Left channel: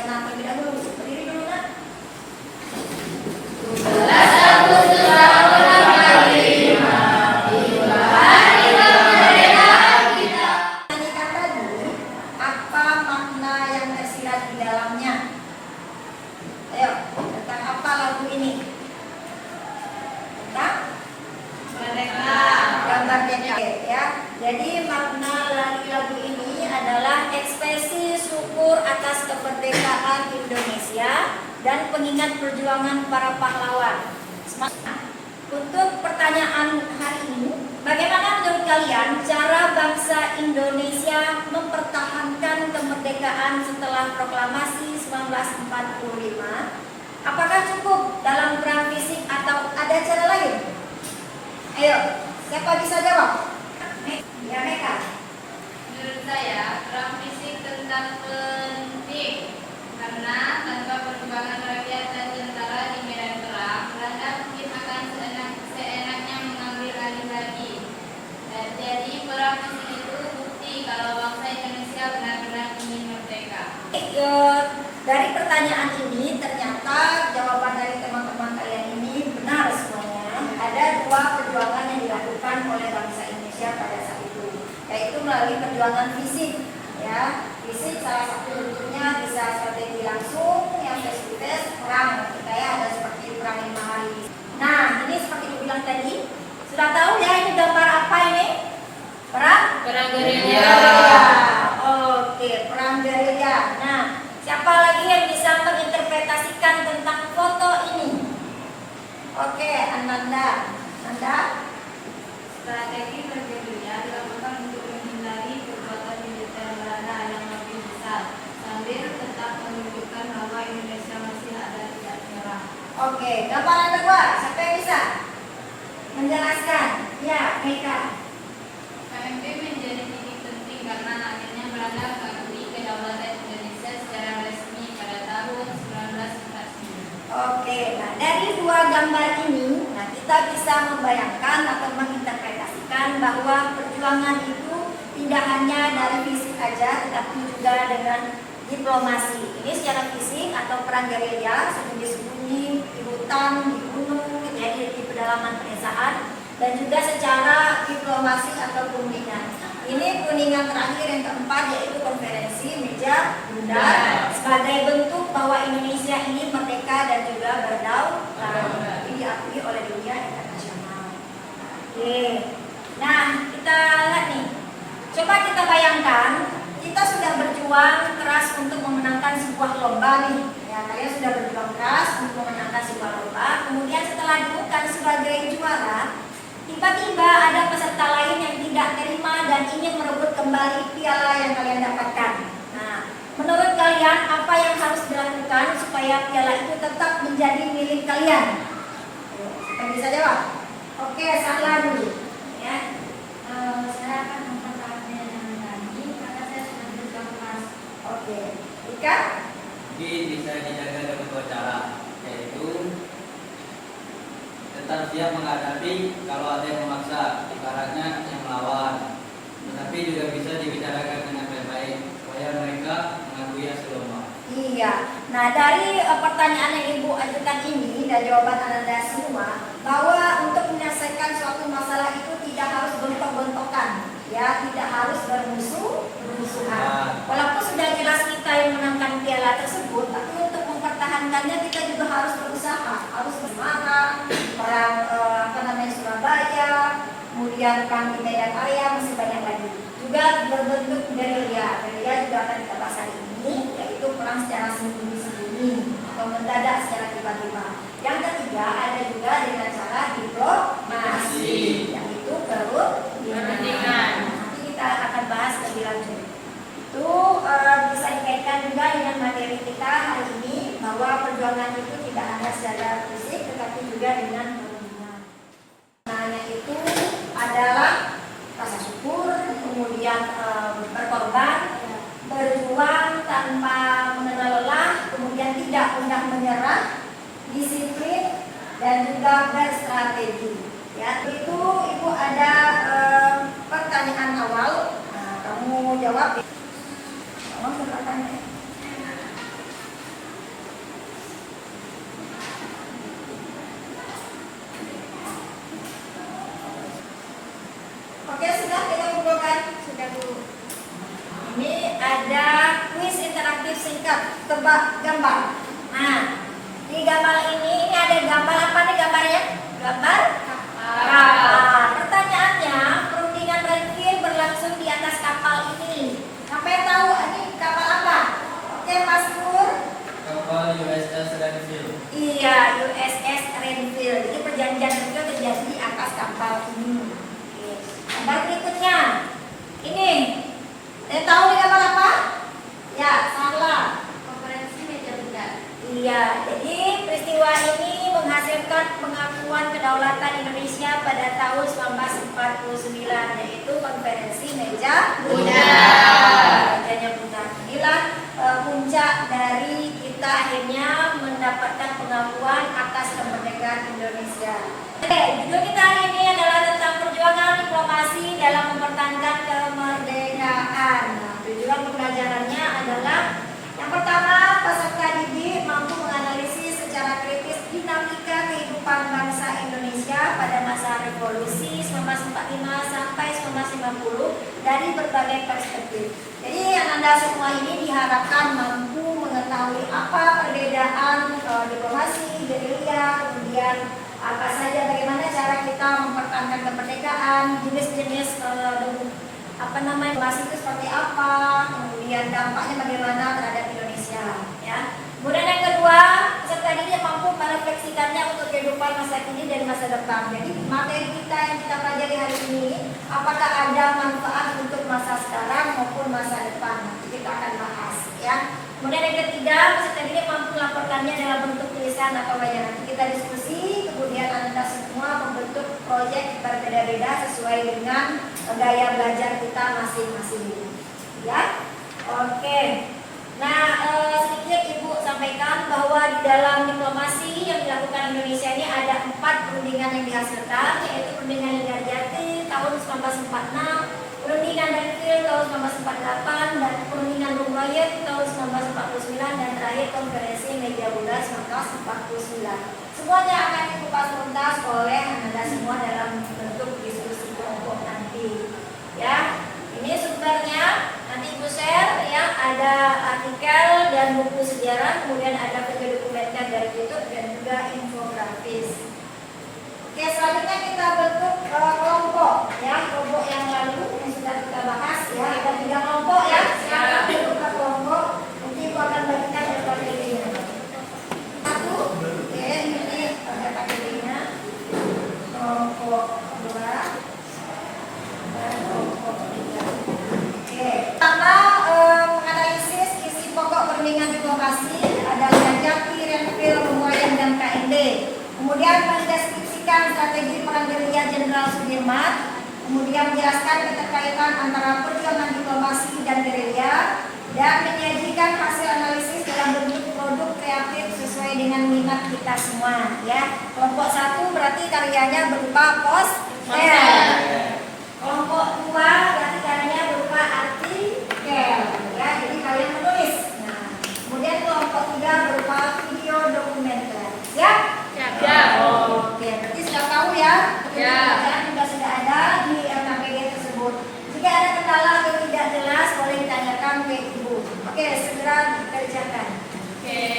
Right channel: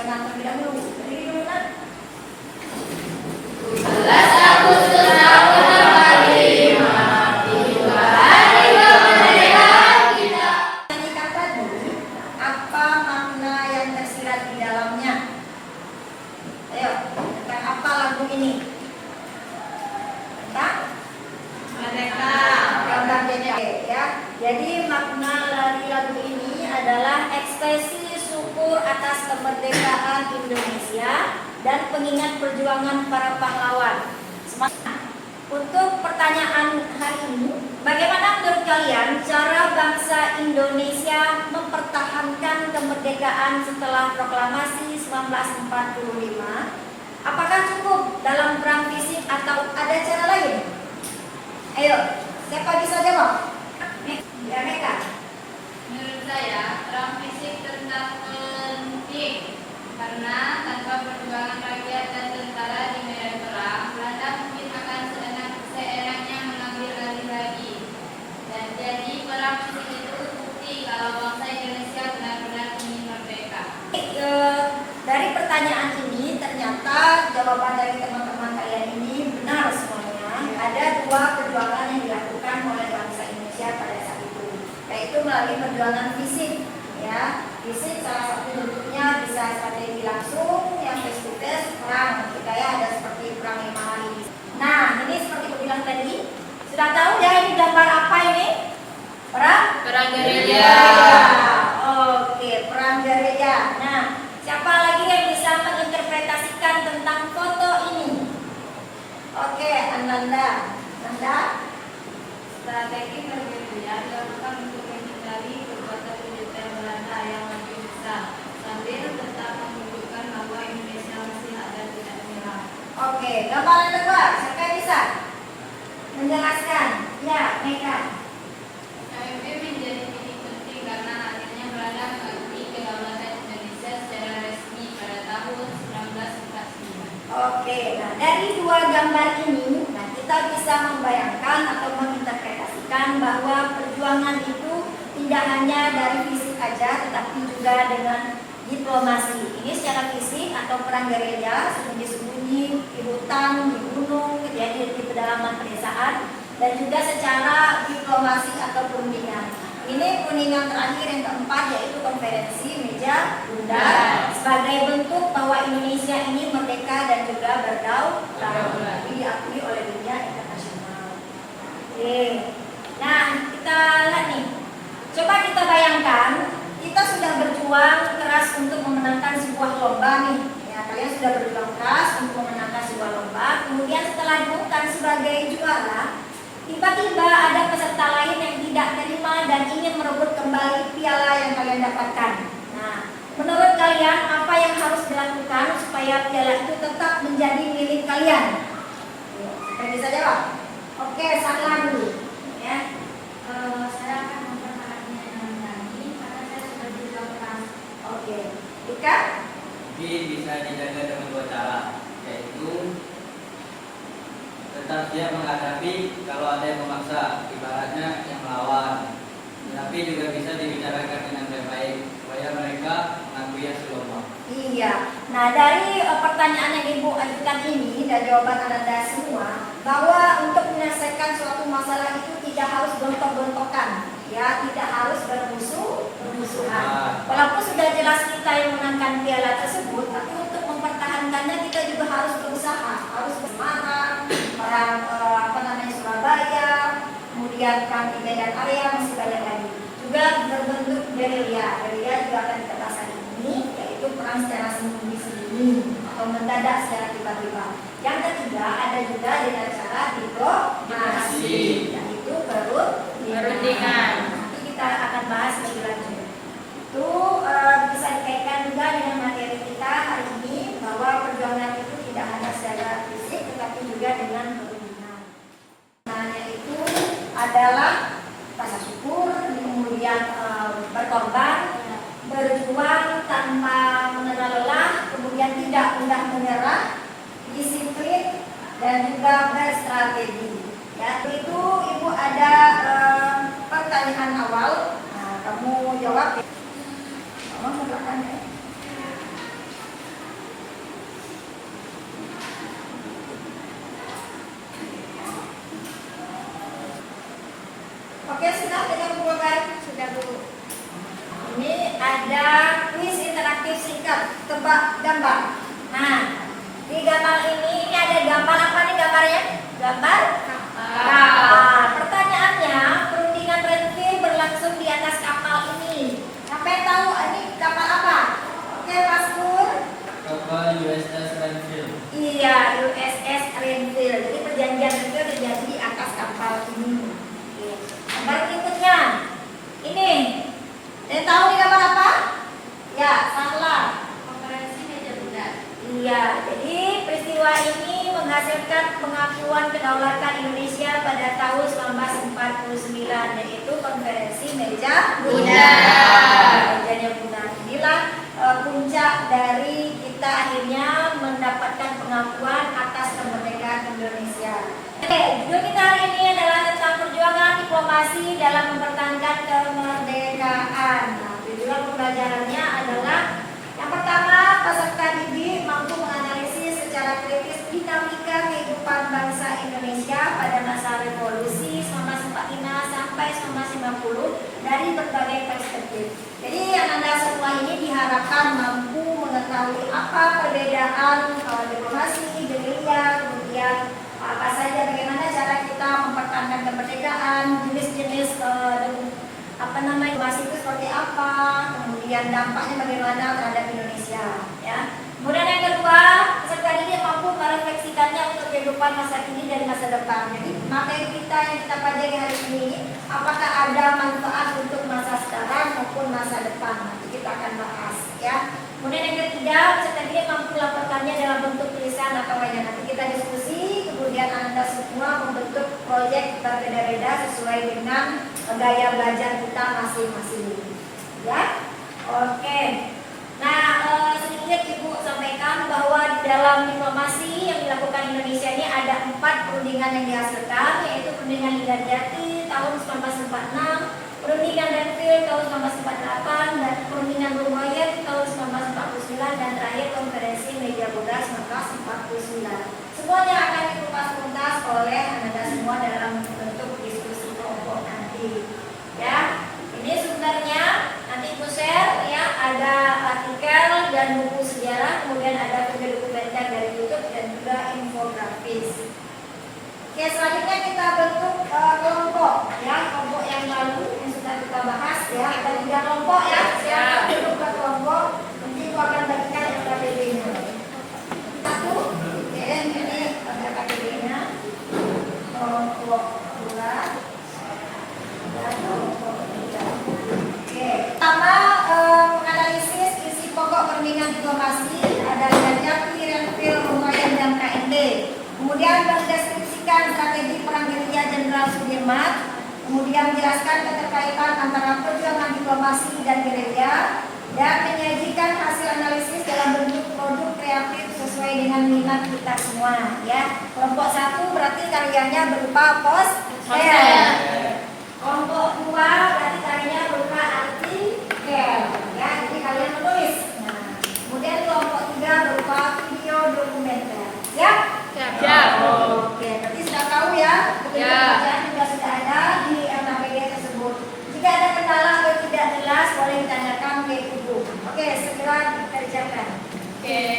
sana terlebih dahulu. Berdiri dulu nak. 11 Agustus tahun 45, hari kemerdekaan kita. Nyanyikan tadi, apa makna yang tersirat di dalamnya? Ayo, tentang apa lagu ini? Tentang Merdeka. Ya. Jadi makna dari lagu ini adalah ekspresi syukur atas kemerdekaan Indonesia dan pengingat perjuangan para pahlawan. Untuk pertanyaan hari ini, bagaimana menurut kalian cara bangsa Indonesia mempertahankan kemerdekaan setelah proklamasi 1945? Apakah cukup dalam perang fisik atau ada cara lain? Ayo, siapa bisa jawab? Ya, Meka. Menurut saya, perang fisik tetap penting karena tanpa perjuangan rakyat dan tentara di medan perang, Belanda mungkin akan seenaknya mengambil alih lagi. Dan jadi perang fisik itu bukti kalau bangsa Indonesia benar-benar ingin merdeka. Dari pertanyaan ini ternyata jawaban dari teman-teman kalian ini benar semuanya. Ada dua perjuangan yang dilakukan oleh bangsa Indonesia pada saat itu, yaitu melalui perjuangan fisik. Ya, fisik salah satu bentuknya bisa strategi langsung, yang face to face perang. Kita ya ada seperti perang 5 hari. Nah, ini seperti aku bilang tadi, sudah tahu ya ini gambar apa ini? Perang gerilya. Oke, perang gerilya. Nah, siapa lagi yang bisa menginterpretasikan tentang foto ini? Oke, Ananda. Nanda? Strategi bergerilya dilakukan untuk menghindari perbuatan militer Belanda yang lebih besar, sambil tetap menunjukkan bahwa Indonesia masih ada tidak menyerah. Oke, gambaran kedua, siapa yang bisa menjelaskan? Ya, Meka. KMP menjadi titik penting karena akhirnya Belanda mengakui kedaulatan Indonesia secara resmi pada tahun 1949. Oke, nah dari dua gambar ini, nah kita bisa membayangkan atau menginterpretasikan bahwa perjuangan itu tidak hanya dari fisik aja, tetapi juga dengan diplomasi. Ini secara fisik atau perang gerilya, sembunyi-sembunyi di hutan, di gunung, ya, di pedalaman pedesaan, dan juga secara diplomasi atau perundingan. Ini perundingan terakhir yang keempat, yaitu konferensi meja bundar, sebagai bentuk bahwa Indonesia ini merdeka dan juga berdaulat, tapi diakui oleh dunia internasional. Oke, nah kita lihat nih, coba kita bayangkan kita sudah berjuang keras untuk memenangkan sebuah lomba nih. Ya, kalian sudah berjuang keras untuk memenangkan sebuah lomba. Kemudian setelah diumumkan sebagai juara, tiba-tiba ada peserta lain yang tidak terima dan ingin merebut kembali piala yang kalian dapatkan. Nah, menurut kalian apa yang harus dilakukan supaya piala itu tetap menjadi milik kalian? Siapa yang bisa jawab? Oke, Sarla dulu. Ya. Saya akan mempertahankan ini karena saya sudah berjuang keras. Oke, Ika? Mungkin bisa dijaga dengan dua cara, yaitu tetap siap menghadapi kalau ada yang memaksa, ibaratnya yang melawan. Tapi juga bisa dibicarakan dengan baik-baik supaya mereka mengakui hasil lomba. Iya. Nah, dari pertanyaan yang Ibu ajukan ini dan jawaban Anda semua, bahwa untuk menyelesaikan suatu masalah itu tidak harus gontok-gontokan, ya, tidak harus bermusuhan. Walaupun sudah jelas kita yang menangkan piala tersebut, tapi untuk mempertahankannya kita juga harus berusaha, harus bersemangat. Perang Surabaya, kemudian perang di Medan Area, masih banyak lagi. Juga berbentuk gerilya. Gerilya juga akan kita bahas hari ini, yaitu perang secara sembunyi-sembunyi atau mendadak secara tiba-tiba. Yang ketiga ada juga dengan cara diplomasi, yaitu perundingan. Nanti kita akan bahas lebih lanjut. Itu bisa dikaitkan juga dengan materi kita hari ini, bahwa perjuangan itu tidak hanya secara fisik, tetapi juga dengan perundingan. Namanya itu adalah rasa syukur, kemudian berkorban, berjuang tanpa mengenal lelah, kemudian tidak mudah menyerah, disiplin, dan juga berstrategi. Ya, itu Ibu ada pertanyaan awal. Nah, kamu jawab. Ke belakang ya. ada kuis interaktif singkat, tebak gambar. Nah, di gambar ini ada gambar apa nih gambarnya? Gambar kapal. Pertanyaannya, perundingan Renville berlangsung di atas kapal ini. Siapa yang tahu ini kapal apa? Oke, Mas Nur. Kapal USS Renville. Iya, USS Renville. Jadi perjanjian Renville terjadi di atas kapal ini. Gambar berikutnya, ini. Yang tahu nih gambar apa? Ya, salah. Konferensi meja bundar. Iya, jadi peristiwa ini menghasilkan pengakuan kedaulatan Indonesia pada tahun 1949, yaitu konferensi meja bundar. Mejanya bundar. Inilah puncak dari kita akhirnya mendapatkan pengakuan atas kemerdekaan Indonesia. Oke, judul kita hari ini adalah tentang perjuangan diplomasi dalam mempertahankan kemerdekaan. Nah, tujuan pembelajarannya adalah yang pertama, peserta didik mampu menganalisis secara kritis dinamika kehidupan bangsa Indonesia pada masa revolusi 1945 sampai 1950 dari berbagai perspektif. Jadi Anda semua ini diharapkan mampu mengetahui apa perbedaan diplomasi, gerilya, kemudian apa saja bagaimana cara kita mempertahankan kemerdekaan, jenis-jenis diplomasi itu seperti apa, kemudian dampaknya bagaimana terhadap Indonesia, ya. Kemudian yang kedua, peserta didik mampu merefleksikannya untuk kehidupan masa kini dan masa depan. Jadi materi kita yang kita pelajari hari ini, apakah ada manfaat untuk masa sekarang maupun masa depan? Nanti kita akan bahas, ya. Kemudian yang ketiga, peserta didik mampu melaporkannya dalam bentuk tulisan atau wayang. Nanti kita diskusi, kemudian Anda semua membentuk proyek berbeda-beda sesuai dengan gaya belajar kita masing-masing. Ya, oke. Nah, sedikit Ibu sampaikan bahwa di dalam diplomasi yang dilakukan Indonesia ini ada 4 perundingan yang dihasilkan, yaitu perundingan Linggarjati tahun 1946, perundingan Renville tahun 1948, dan perundingan Rumroyet tahun 1949, dan terakhir konferensi meja bundar 1949. Semuanya akan dikupas tuntas oleh Anda semua dalam bentuk diskusi kelompok nanti. Ya, ini sumbernya nanti Ibu share, ya, ada artikel dan buku sejarah, kemudian ada video dokumenter dari YouTube dan juga infografis. Oke, selanjutnya kita bentuk kelompok, ya, kelompok yang lalu yang sudah kita bahas, ya, ada 3 kelompok, ya. Siapa bentuk kelompok? Nanti Ibu akan bagikan SKPD-nya. Satu, ya, ini SKPD-nya. Kelompok 2 dan kelompok 3. Oke, pertama menganalisis isi pokok perundingan diplomasi ada Linggarjati, Renville, Rumroyet, dan KND. Kemudian mendeskripsikan strategi perang gerilya Jenderal Sudirman, kemudian menjelaskan keterkaitan antara perjuangan diplomasi dan gerilya, dan menyajikan hasil analisis dalam bentuk produk kreatif sesuai dengan minat kita semua, ya. Kelompok 1 berarti karyanya berupa poster. Kelompok 2 berarti karyanya berupa artikel, ya. Jadi kalian menulis. Nah, kemudian kelompok 3 berupa video dokumenter. Siap? Oke, berarti sudah tahu ya, bacaan juga sudah ada di SKPD tersebut. Jika ada kendala atau tidak jelas, boleh ditanyakan ke Ibu. Oke, segera dikerjakan. Oke.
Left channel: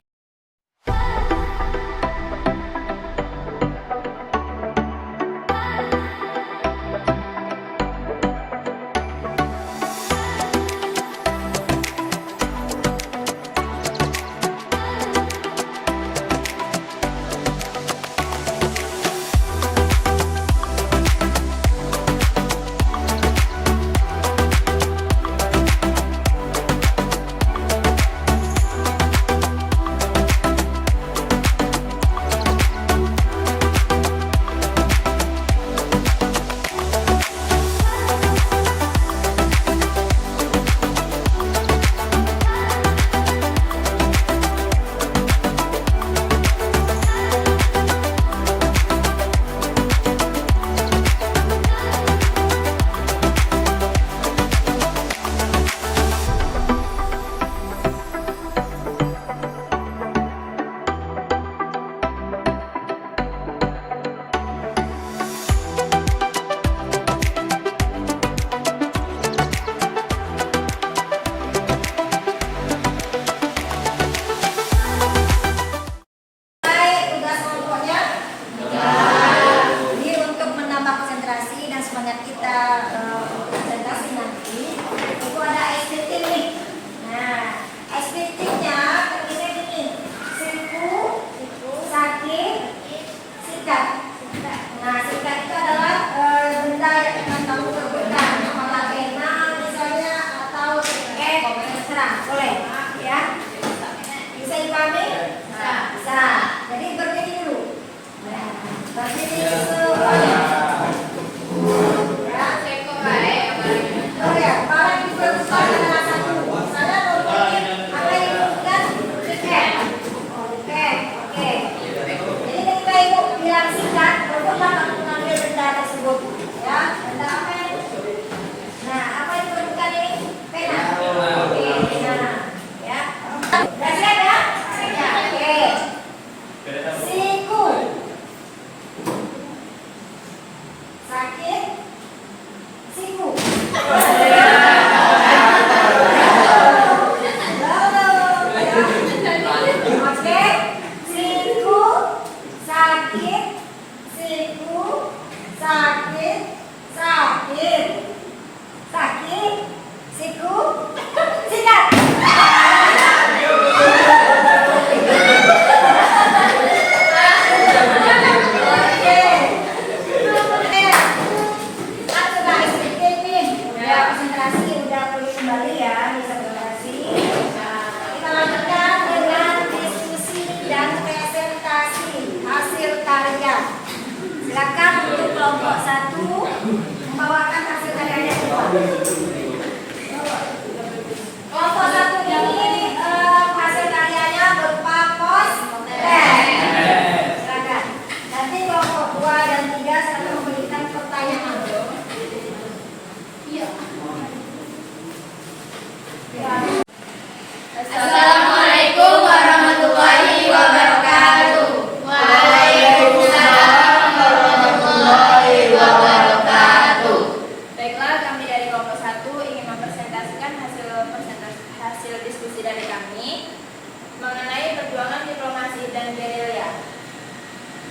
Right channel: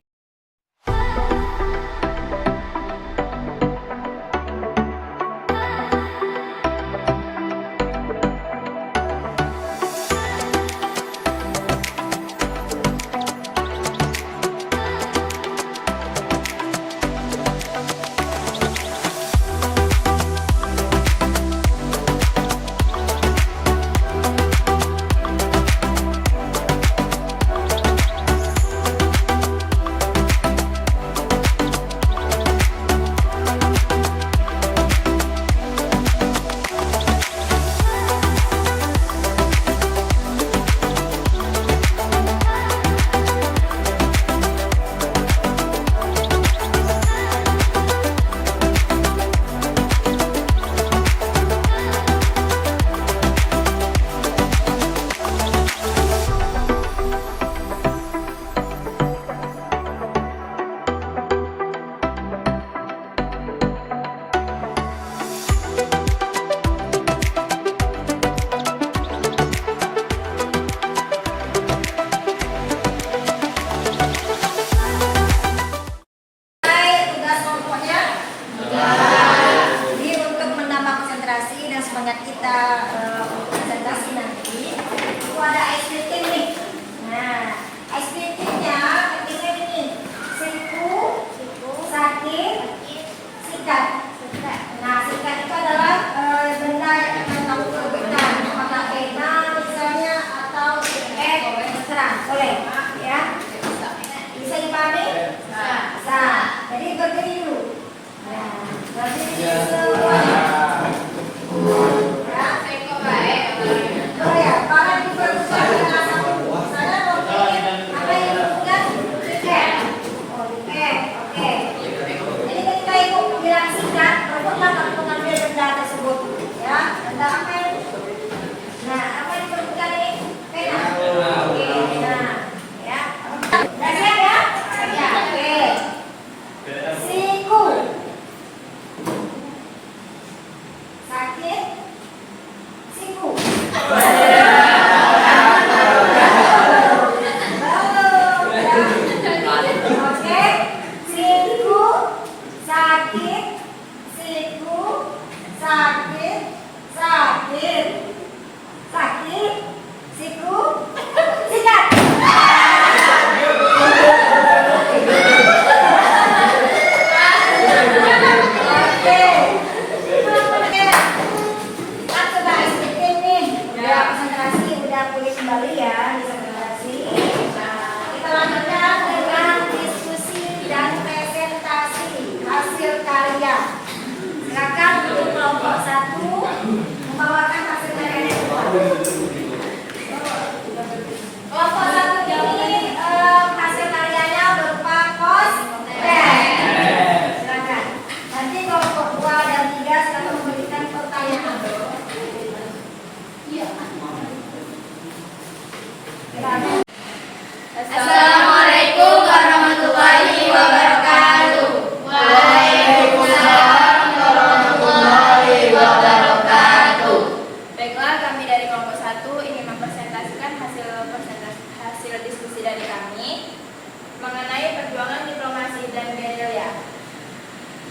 dan gerilya.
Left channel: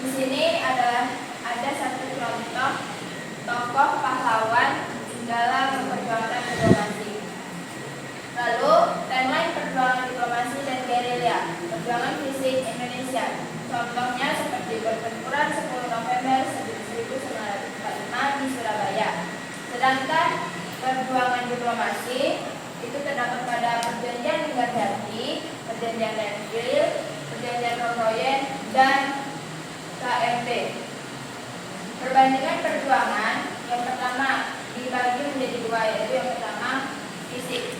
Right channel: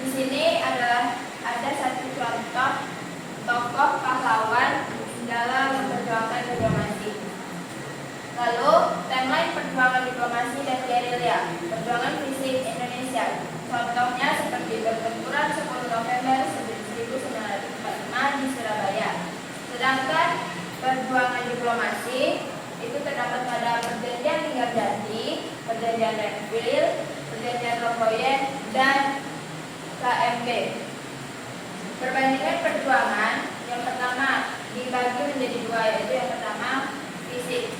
Di sini ada satu contoh tokoh pahlawan dalam memperjuangkan diplomasi. Lalu, timeline perjuangan diplomasi dan gerilya, perjuangan fisik Indonesia. Contohnya seperti pertempuran 10 November 1945 di Surabaya. Sedangkan perjuangan diplomasi itu terdapat pada perjanjian Linggarjati, perjanjian Renville, perjanjian Rokoyen, dan KMP. Perbandingan perjuangan yang pertama dibagi menjadi dua, yaitu yang pertama fisik,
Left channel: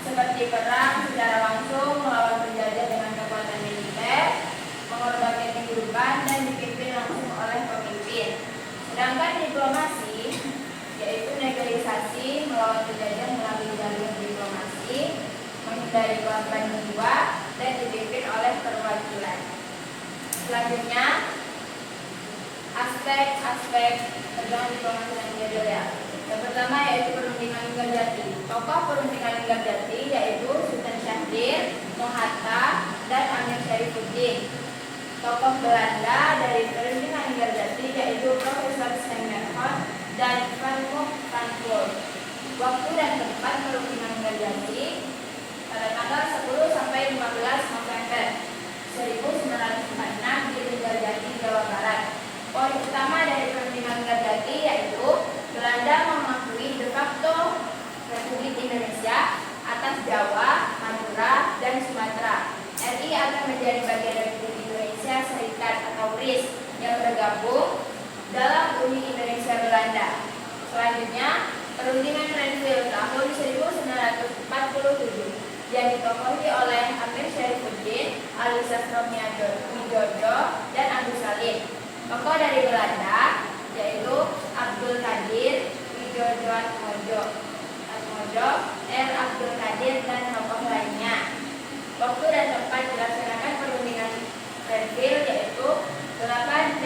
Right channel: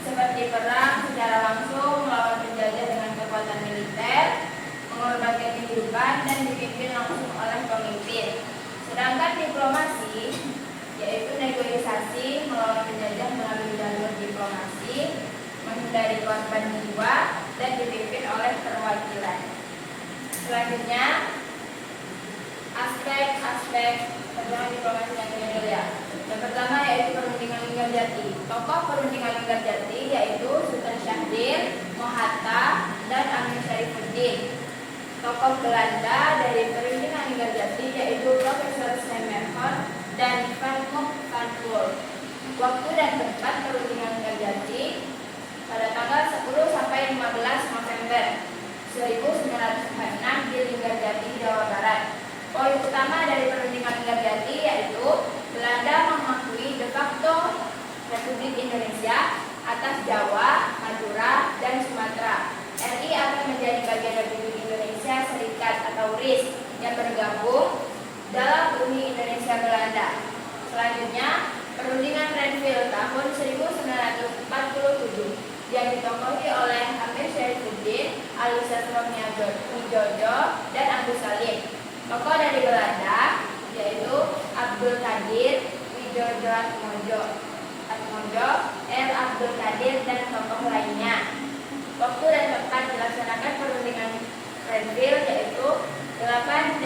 seperti perang secara langsung melawan penjajah dengan kekuatan militer, mengorbankan kehidupan dan dipimpin langsung oleh pemimpin. Sedangkan diplomasi yaitu negosiasi melawan penjajah melalui jalur diplomasi, menghindari korban jiwa dan dipimpin oleh perwakilan. Selanjutnya, aspek-aspek perjuangan diplomasi dan gerilya. Yang pertama yaitu perundingan Linggarjati. Tokoh perundingan Linggarjati yaitu Sultan Syahrir, Mohatta, dan Amir Syarifuddin. Tokoh Belanda dari perundingan Linggarjati yaitu Profesor Stemmerhorn dan Van Frankfurt. Waktu dan tempat perundingan Linggarjati pada tanggal 10 sampai 15 November 1946 di Linggarjati, Jawa Barat. Poin utama dari perundingan Linggarjati yaitu Belanda mengakui de facto Republik Indonesia atas Jawa, Madura, dan Sumatera. RI akan menjadi bagian Republik Indonesia Serikat atau RIS yang bergabung dalam Uni Indonesia Belanda. Selanjutnya, perundingan Renville tahun 1947 yang ditokohi oleh Amir Syarifuddin, Ali Sastrowijojo, dan Agus Salim. Tokoh dari Belanda yaitu Abdul Qadir Wijojoatmojo, R. Abdul Qadir, dan tokoh lainnya. Waktu dan tempat dilaksanakan perundingan Renville yaitu 8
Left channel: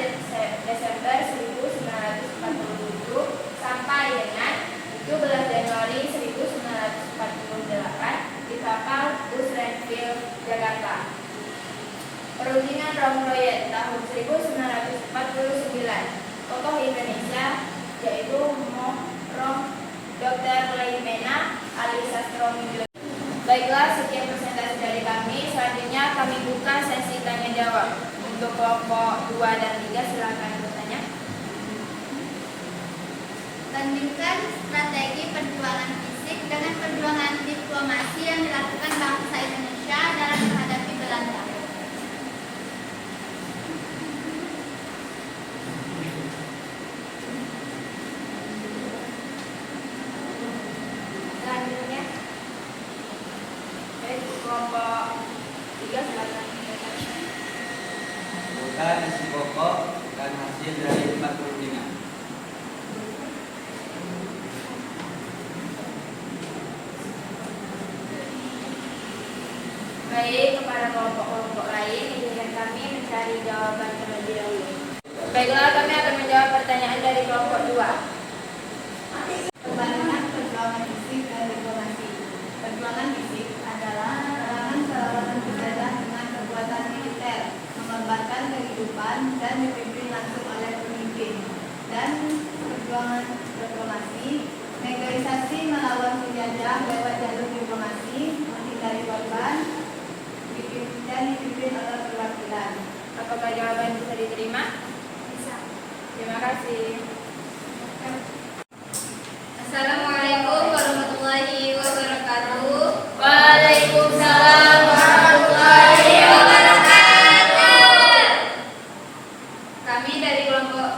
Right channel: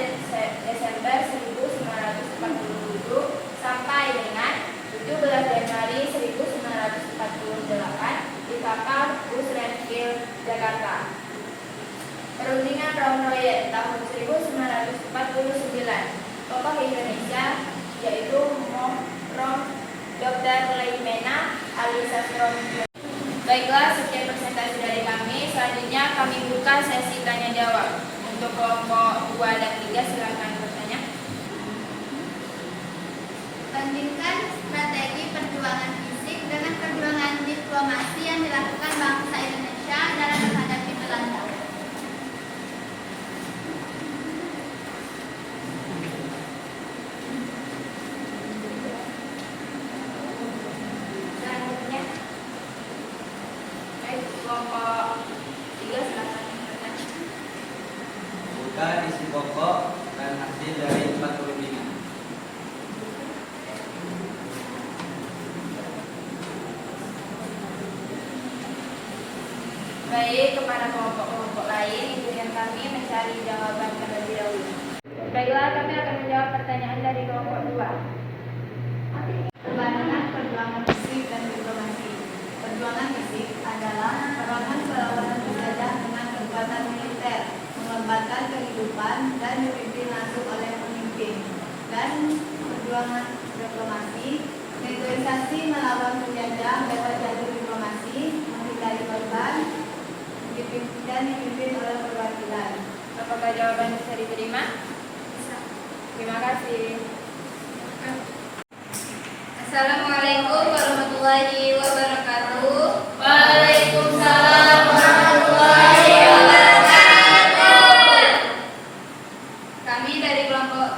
Desember 1947 sampai dengan 17 Januari 1948 di kapal Bus Renville, Jakarta. Perundingan Rokoyen tahun 1949. Tokoh Indonesia yaitu Rom Dr. Leimena, Ali Sastrowijojo. Baiklah, sekian presentasi dari kami. Selanjutnya kami buka sesi tanya jawab. Untuk kelompok 2 dan 3 silakan bertanya. Bandingkan strategi perjuangan fisik dengan perjuangan diplomasi yang dilakukan bangsa Indonesia dalam menghadapi Belanda. Selanjutnya, kelompok 3 silakan. Bukan isi pokok dan hasil dari 4 perundingan. Baik, kepada kelompok-kelompok lain, izinkan kami mencari jawaban terlebih dahulu. Baiklah, kami akan menjawab pertanyaan dari kelompok 2. Perbandingan perjuangan fisik dan diplomasi. Perjuangan fisik adalah perangan perlawanan penjajah dengan kekuatan militer, mengorbankan kehidupan dan dipimpin langsung oleh pemimpin. Dan perjuangan diplomasi, negosiasi melawan penjajah lewat jalur diplomasi, menghindari korban, dan dipimpin oleh perwakilan. Apakah jawaban bisa diterima? Bisa. Terima kasih. Assalamualaikum warahmatullahi wabarakatuh. Waalaikumsalam warahmatullahi wabarakatuh. Kami dari kelompok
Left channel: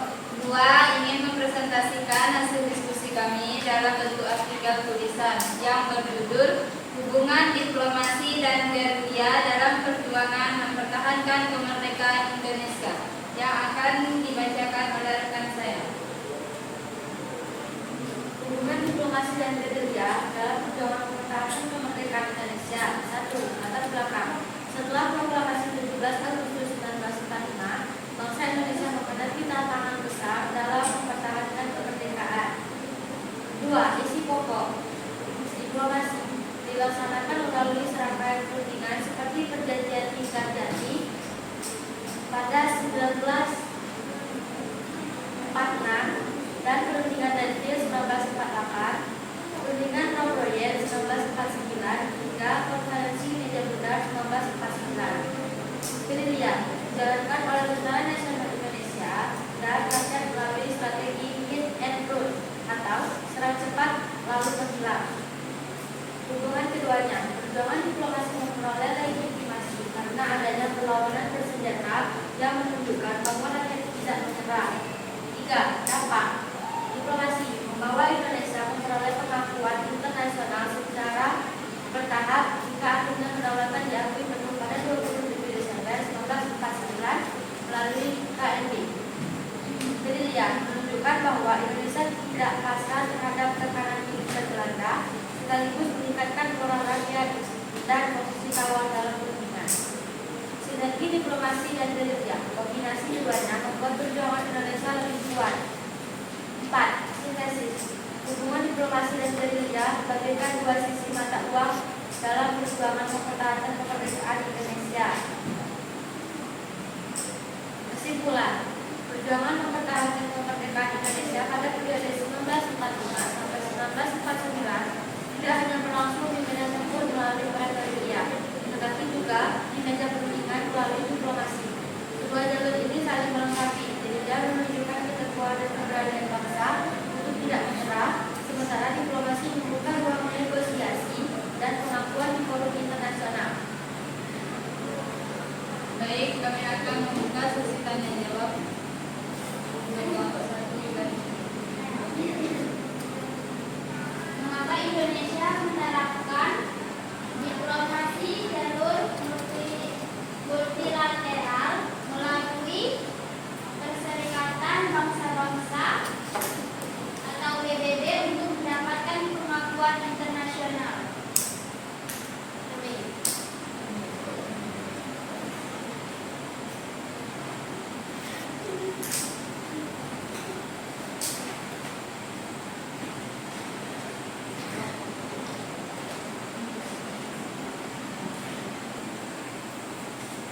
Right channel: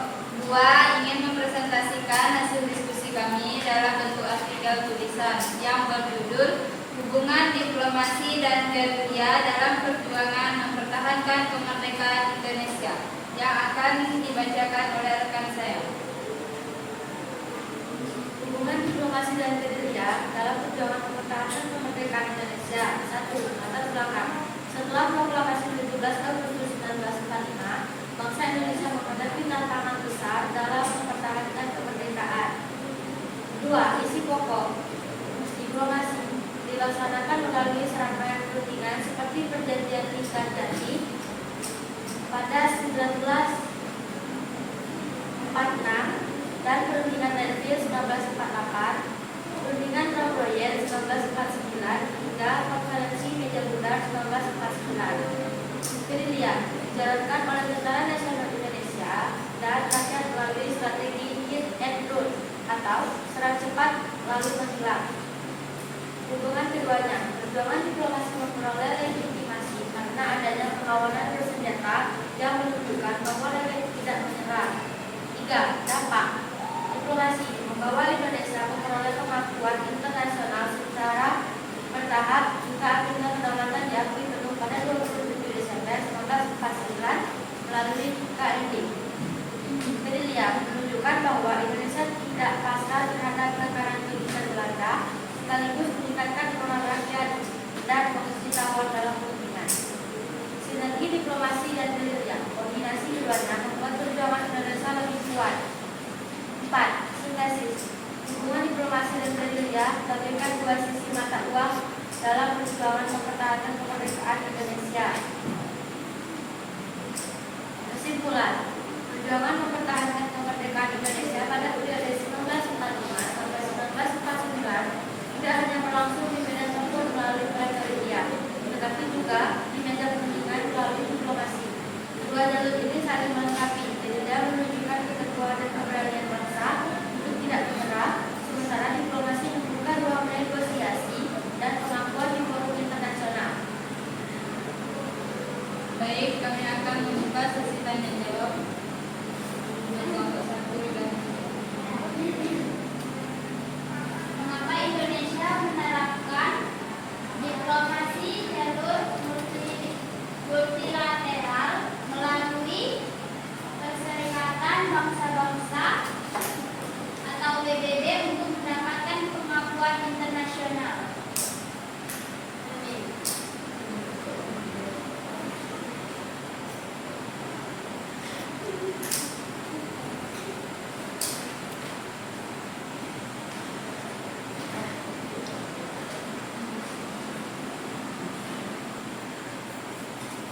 2 ingin mempresentasikan hasil diskusi kami dalam bentuk artikel tulisan yang berjudul Hubungan Diplomasi dan Gerilya dalam Perjuangan Mempertahankan Kemerdekaan Indonesia, yang akan dibacakan oleh rekan saya. Hubungan diplomasi dan gerilya dalam perjuangan mempertahankan kemerdekaan Indonesia. 1. Latar belakang. Setelah proklamasi 17 Agustus 1945, bangsa Indonesia menghadapi tantangan besar dalam mempertahankan kemerdekaan. 2. Isi pokok. Diplomasi dilaksanakan melalui serangkaian perundingan seperti perjanjian Linggarjati, pada 1946 dan perundingan Renville 1948, perundingan Rom Royal 1949 hingga konferensi Meja Bundar 1949. Gerilya dijalankan oleh Tentara Nasional Indonesia dan rakyat melalui strategi hit and run atau serang cepat lalu menghilang. Hubungan keduanya, perjuangan diplomasi memperoleh legitimasi karena adanya perlawanan bersenjata yang menunjukkan bahwa rakyat tidak menyerah. 3. Dampak diplomasi membawa Indonesia memperoleh pengakuan internasional secara bertahap hingga akhirnya kedaulatan diakui penuh pada 27 Desember 1949 melalui KND. Gerilya menunjukkan bahwa Indonesia tidak pasrah terhadap tekanan militer Belanda, sekaligus meningkatkan moral rakyat dan posisi tawar dalam perundingan. Sinergi diplomasi dan gerilya, kombinasi keduanya membuat perjuangan Indonesia lebih kuat. 4. Sintesis hubungan diplomasi dan gerilya bagaikan dua sisi mata uang dalam perjuangan mempertahankan kemerdekaan Indonesia. Kesimpulan, perjuangan mempertahankan kemerdekaan Indonesia pada periode 1945 sampai 1949 tidak hanya berlangsung di medan tempur melalui perang gerilya, tetapi juga di meja perundingan melalui diplomasi. Kedua jalur ini saling melengkapi. Gerilya menunjukkan keteguhan dan keberanian bangsa untuk tidak menyerah, sementara diplomasi membuka ruang negosiasi dan pengakuan di forum internasional. Baik, kami akan membuka sesi tanya jawab untuk kelompok 1 dan 2. Mengapa Indonesia menerapkan diplomasi jalur multilateral melalui Perserikatan Bangsa-Bangsa atau PBB untuk mendapatkan pengakuan internasional?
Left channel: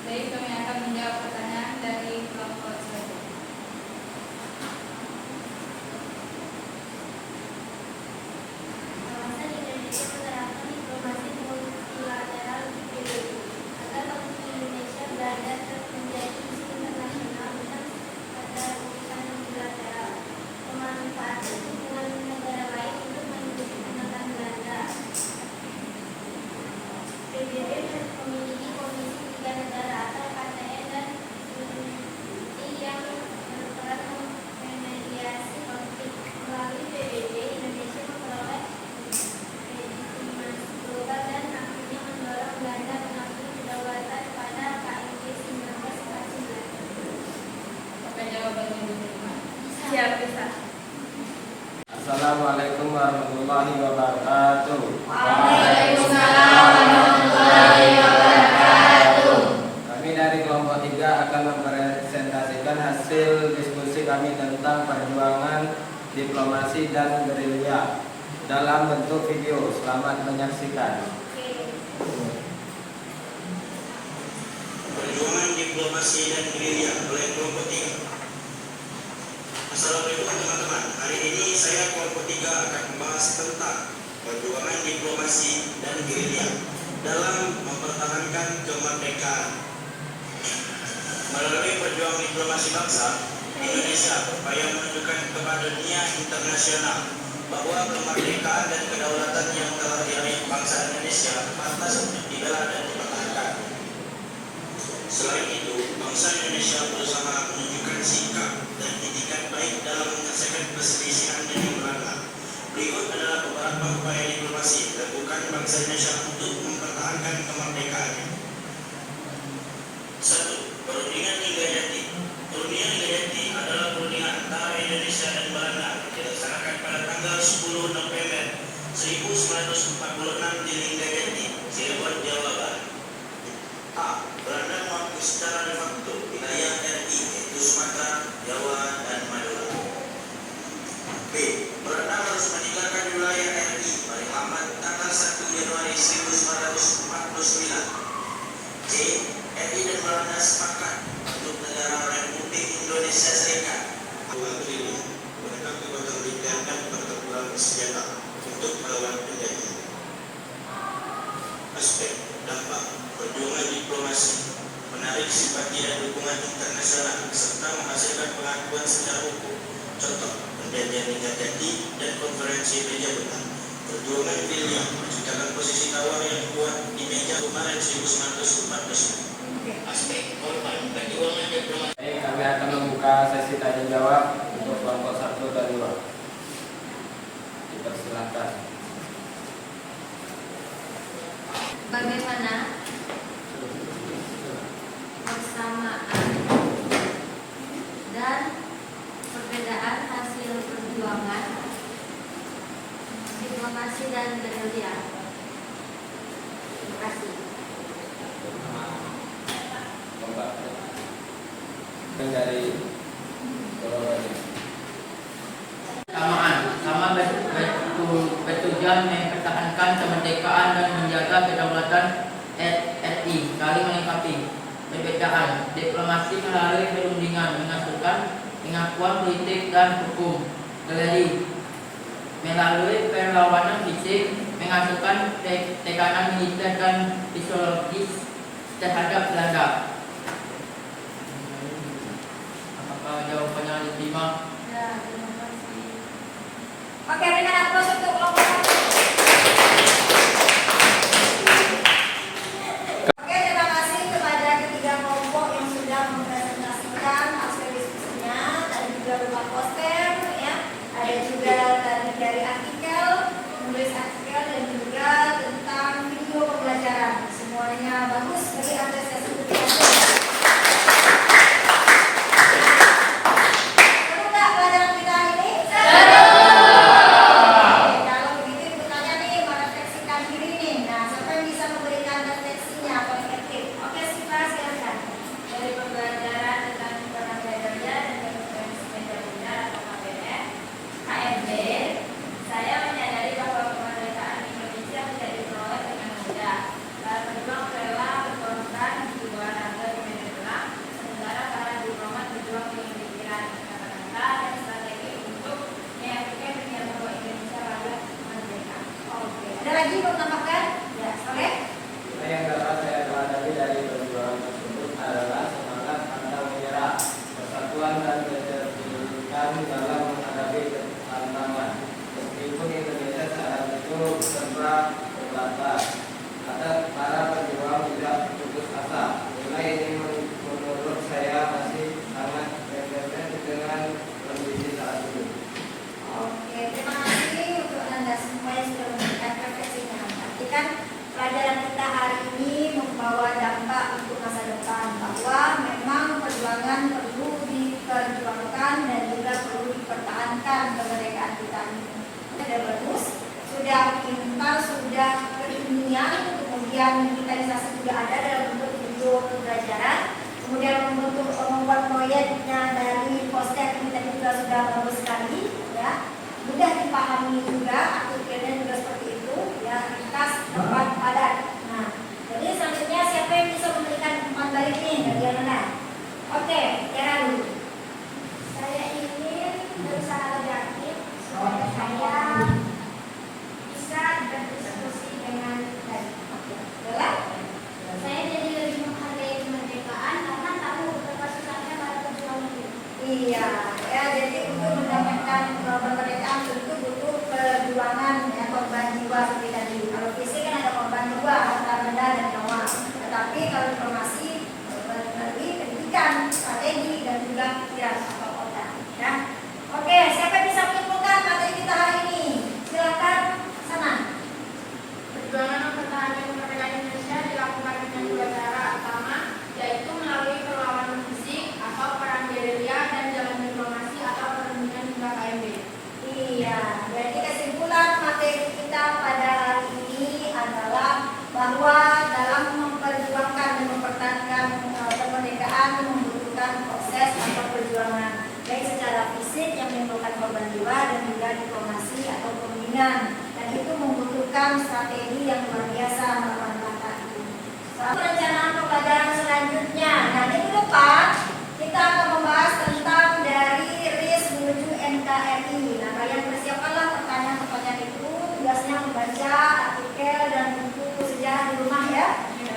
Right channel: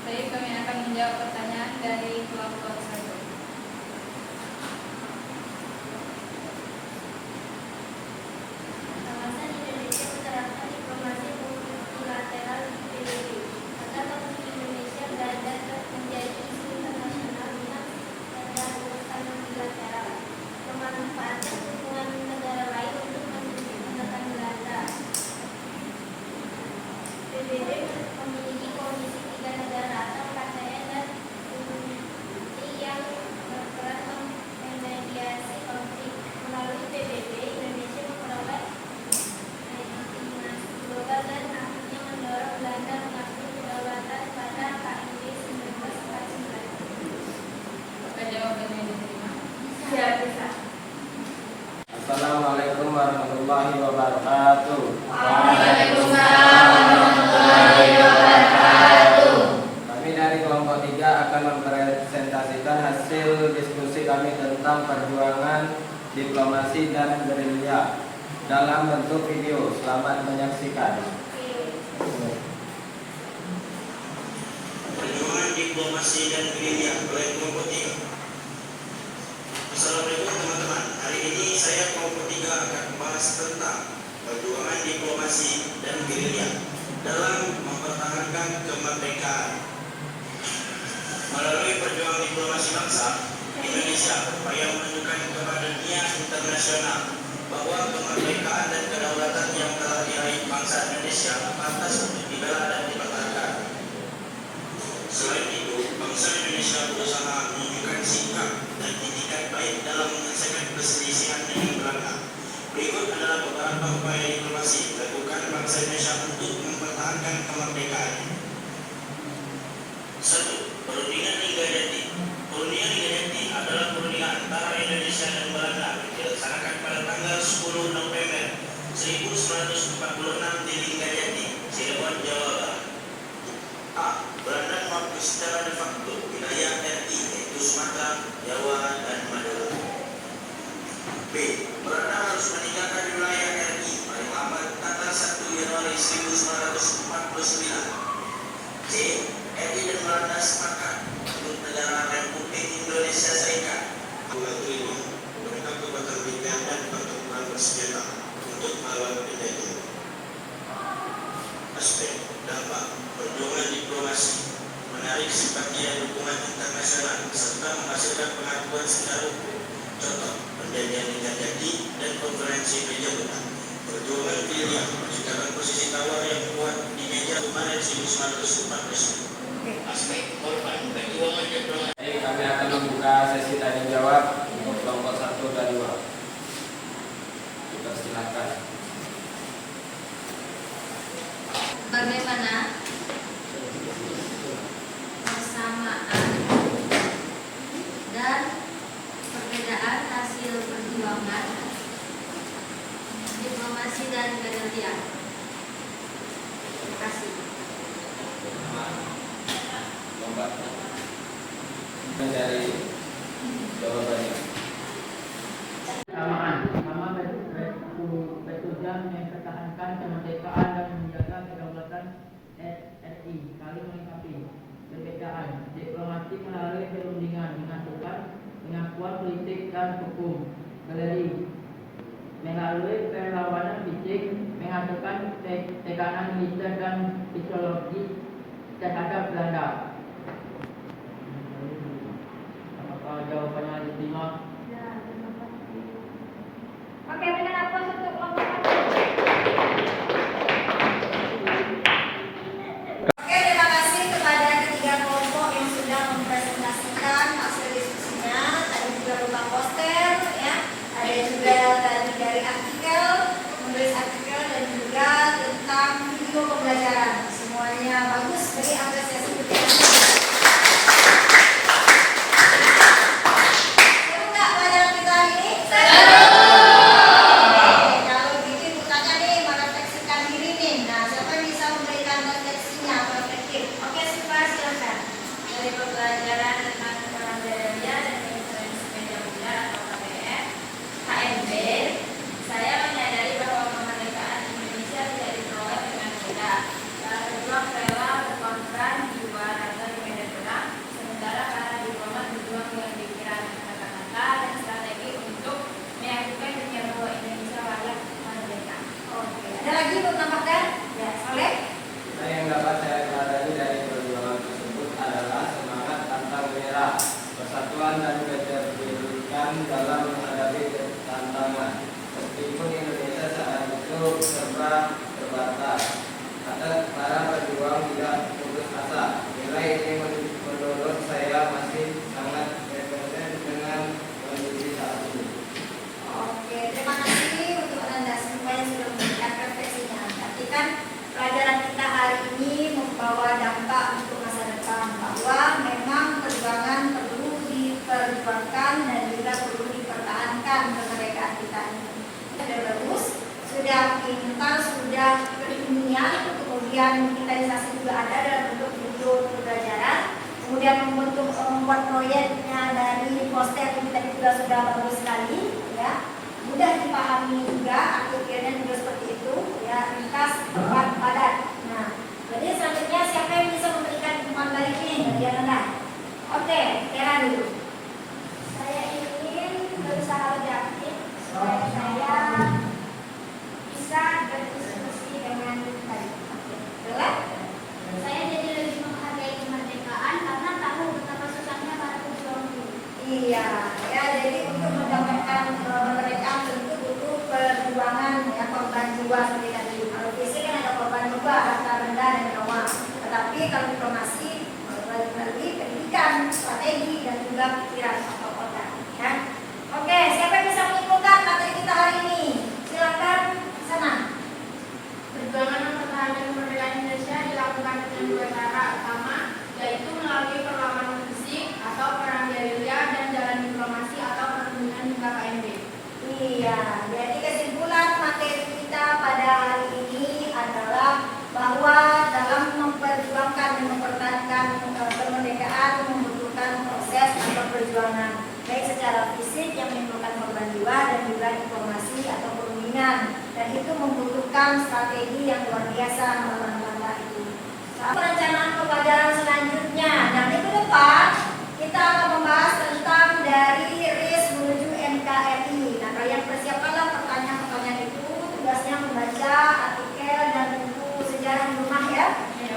Baik, kami akan menjawab pertanyaan dari kelompok 1. Alasan Indonesia menerapkan diplomasi multilateral di PBB agar posisi Indonesia berada menjadi isu internasional dengan standar urusan multilateral, pemanfaatan hubungan negara lain untuk menekan Belanda. PBB memiliki komisi 3 negara atau KTN dan komisi yang berperan memediasi konflik. Melalui PBB, Indonesia memperoleh legitimasi global dan akhirnya mendorong Belanda mengakui kedaulatan pada KND 1949. Apakah jawabannya diterima? Siap, Ustaz. Assalamualaikum warahmatullahi wabarakatuh. Waalaikumsalam warahmatullahi wabarakatuh. Kami dari kelompok 3 akan mempresentasikan hasil diskusi kami tentang perjuangan diplomasi dan gerilya dalam bentuk video. Selamat menyaksikan. Perjuangan diplomasi dan gerilya oleh kelompok 3. Assalamualaikum teman-teman. Hari ini saya kelompok 3 akan membahas tentang perjuangan diplomasi dan gerilya dalam mempertahankan kemerdekaan. Melalui perjuangan diplomasi bangsa, Indonesia berupaya menunjukkan kepada dunia internasional bahwa kemerdekaan dan kedaulatan yang telah diraih bangsa Indonesia pantas untuk dibela dan dipertahankan. Selain itu, bangsa Indonesia berusaha menunjukkan sikap dan itikat baik dalam menyelesaikan perselisihan dengan Belanda. Berikut adalah beberapa upaya diplomasi dilakukan bangsa Indonesia untuk mempertahankan kemerdekaan. 1. Perundingan Liga Jati. Perundingan Liga Jati adalah perundingan antara Indonesia dan Belanda yang dilaksanakan pada tanggal 10 November 1946 di Liga Jati, Cirebon, Jawa Barat. A. Belanda mengakui secara de facto wilayah RI yaitu Sumatera, Jawa, dan Madura. B. Belanda harus meninggalkan wilayah RI paling lambat tanggal 1 Januari 1949. C. RI dan Belanda sepakat untuk pengakuan secara hukum. Contoh, perjanjian nikah jadi dan konferensi meja buta. Perjuangan William menciptakan posisi tawar yang kuat di meja Maret 1916. Aspek korban perjuangan diplomasi. Kami akan membuka sesi tanya jawab untuk kelompok 1 dan 2. Dipersilakan. Bagaimana persamaan dan perbedaan hasil perjuangan diplomasi dan gerilya? Terima kasih. Lomba. Dari jawabannya. Sama bertujuan mempertahankan kemerdekaan dan menjaga kedaulatan RI, saling melengkapi. Perbedaan diplomasi melalui perundingan menghasilkan pengakuan politik dan hukum. Gerilya melalui perlawanan fisik menghasilkan tekanan militer dan psikologis terhadap Belanda. Apakah jawabannya diterima? Ya, terima kasih. Oke, berikan aplaus untuk kelompok 1. Oke, terima kasih kepada ketiga kelompok yang sudah mempresentasikan hasil diskusinya. Ada juga berupa poster, ya. Ada juga tadi dari artikel, menulis artikel dan juga tentang video pembelajaran. Semuanya bagus, jadi apresiasi untuk kita. Seru nggak pelajaran kita hari ini? Seru! Oke, kalau gitu ibu tanya nih, merefleksikan diri nih. Nah, siapa yang bisa memberikan refleksinya atau reflektif? Oke, Siva, silakan. Dari pembelajaran tentang gerilya dan konferensi meja buta atau KMB, saya menyadari bahwa kemerdekaan Indonesia tidak diperoleh dengan mudah. Para pejuang rela berkorban jiwa raga di medan perang, sementara para diplomat berjuang dengan pikiran, kata-kata, dan strategi untuk meyakinkan dunia bahwa Indonesia layak merdeka. Oke, ada lagi mau menambahkan? Ya, boleh? Yang dapat saya pelajari dari perjuangan tersebut adalah semangat pantang menyerah, persatuan dan keterbukaan dalam menghadapi tantangan. Meskipun Indonesia saat itu serba terbatas, ada para pejuang tidak putus asa. Nilai ini menurut saya masih sangat relevan dengan kondisi saat ini. Oke, terima kasih untuk Anda semua yang sudah memberikan refleksinya. Berarti kan pelajaran kita hari ini membawa dampak untuk masa depan, bahwa memang perjuangan perlu diperjuangkan dan juga perlu dipertahankan kemerdekaan kita ini. Sudah bagus, sudah pintar, sudah keilmian, kemudian digitalisasi juga ada dalam bentuk video pembelajaran, kemudian membuat proyeknya dari poster yang tadi juga sudah bagus sekali, ya, mudah dipahami juga, artikelnya juga seperti itu, ya, ringkas, tepat, padat. Nah, jadi selanjutnya siapa yang bisa memberikan umpan balik ini dari Anda? Oke, Tera dulu. Saya ingin berusaha lebih aktif supaya saya bisa berdiskusi dengan baik. Bella? Saya jadi lebih menghargai kemerdekaan karena tahu betapa susahnya para pejuang itu. Iya, ya, jadi untuk mendapatkan kemerdekaan tentu butuh perjuangan, ya, korban jiwa seperti tadi. Kalau fisik kan ada korban jiwa, harta benda dan nyawa. Tetapi kalau diplomasi melalui pendidikan, strategi dan juga pikiran atau otak, ya. Oke, siapa yang bisa menyimpulkan materi kita hari ini? Silakan sana. Perjuangan mempertahankan kemerdekaan Indonesia dilakukan dengan dua cara. Pertama, yaitu melalui perlawanan fisik atau perang gerilya dan jalan diplomasi atau perundingan hingga KMB. Iya, jadi kesimpulan materi kita pada hari ini adalah bahwa dalam memperjuangkan dan mempertahankan kemerdekaan membutuhkan proses atau perjuangan, baik secara fisik yang menimbulkan korban jiwa dan juga diplomasi atau perundingan, dan itu membutuhkan strategi yang luar biasa melakukan langkah itu. Perencanaan pembelajaran selanjutnya, nah minggu depan kita akan membahas tentang dari RIS menuju NKRI. Nah, kalian persiapkanlah pertanyaan-pertanyaan itu, tugasnya membaca artikel dan buku sejarah di rumah, ya. Jadi